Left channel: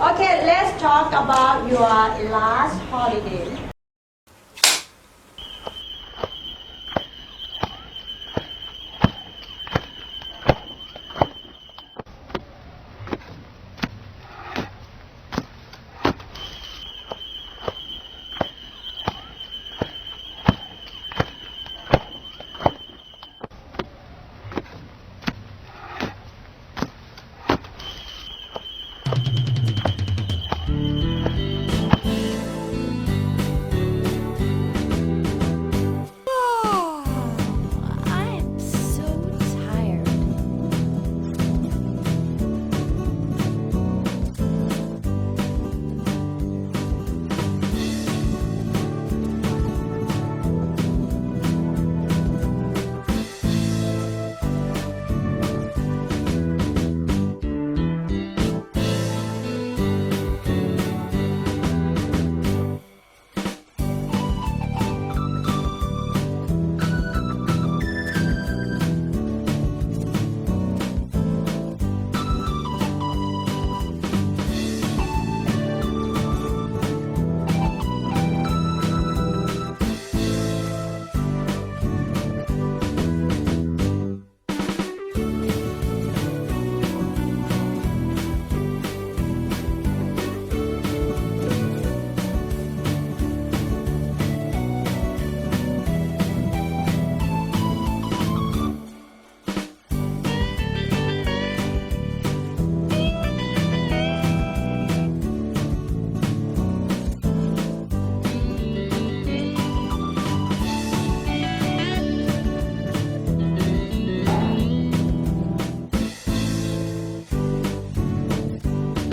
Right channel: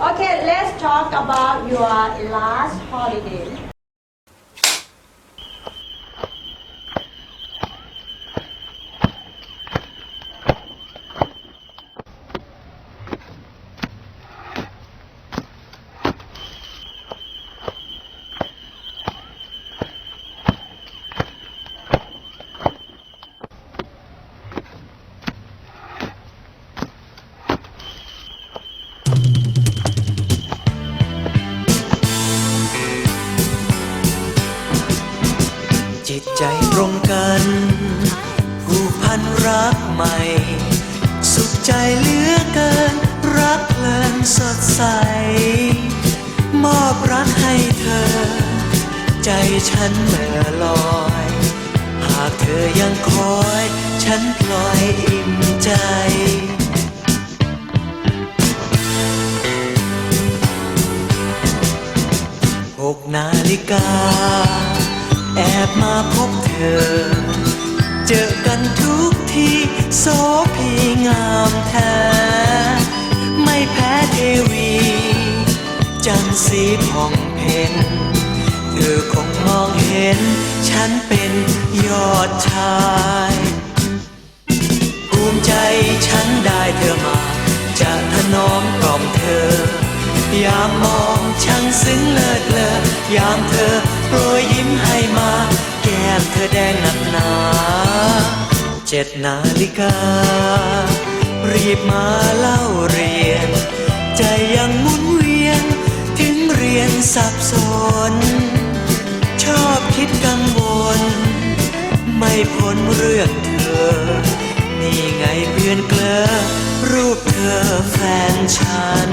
Okay, let's talk about your last holiday. ။ จิตใจตรงกันผูกพันรักใหม่ สุขใจเหลือเกิน รักเพลินสดใส มอบรักให้เธอ ใจฉันเมื่อลอย หากเธอยังคอย ฉันพลอยอิ่มใจ อ เจอกันทุกทีโสพีงามแท้ ไม่แพ้เทวีจันสีผ่องเพ็ญเธอคงมองเห็น ฉันเป็นยอดชายภูมิใจฉันได้เธอมา จะถนอมกล่อมเธอ ยามมองช่างซึ้งเลิศเลอยามเธอโปรยยิ้มให้มา แดงหนักหนาเจ็ดนาฬิกา รีบมาเล่าเรียน ใจยังหมุนเวียน ถึงเรียนสับสน ชอบคิดกังวล ไม่พ้นเรื่องเธอ นี่ไงเพื่อนเกลอรูปเธอแฟนฉัน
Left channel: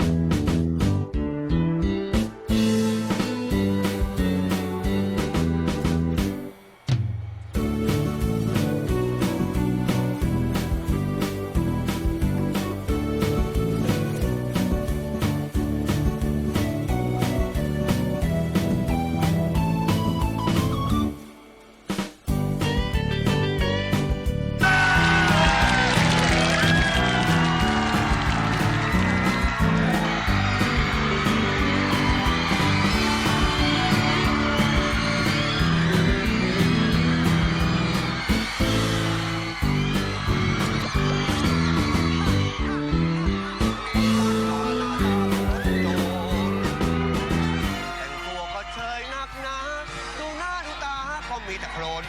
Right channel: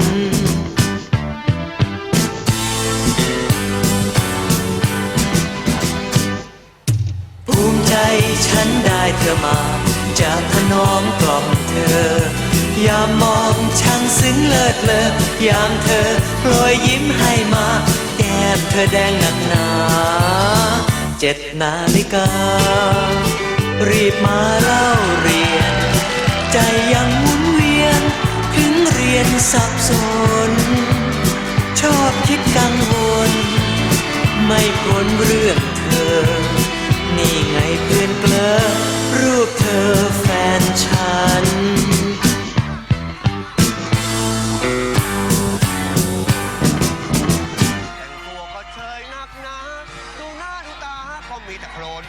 ามมองช่างซึ้งเลิศเลอยามเธอโปรยยิ้มให้มา แก้มเธอแดงหนักหนาเจ็ดนาฬิกา รีบมาเล่าเรียน ใจยังหมุนเวียนถึงเรียนสับสน ชอบคิดกังวล ไม่พ้นเรื่องเธอ มีแต่โคลน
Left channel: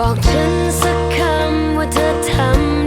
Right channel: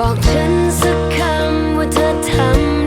บอกฉันสักคำว่าเธอทำ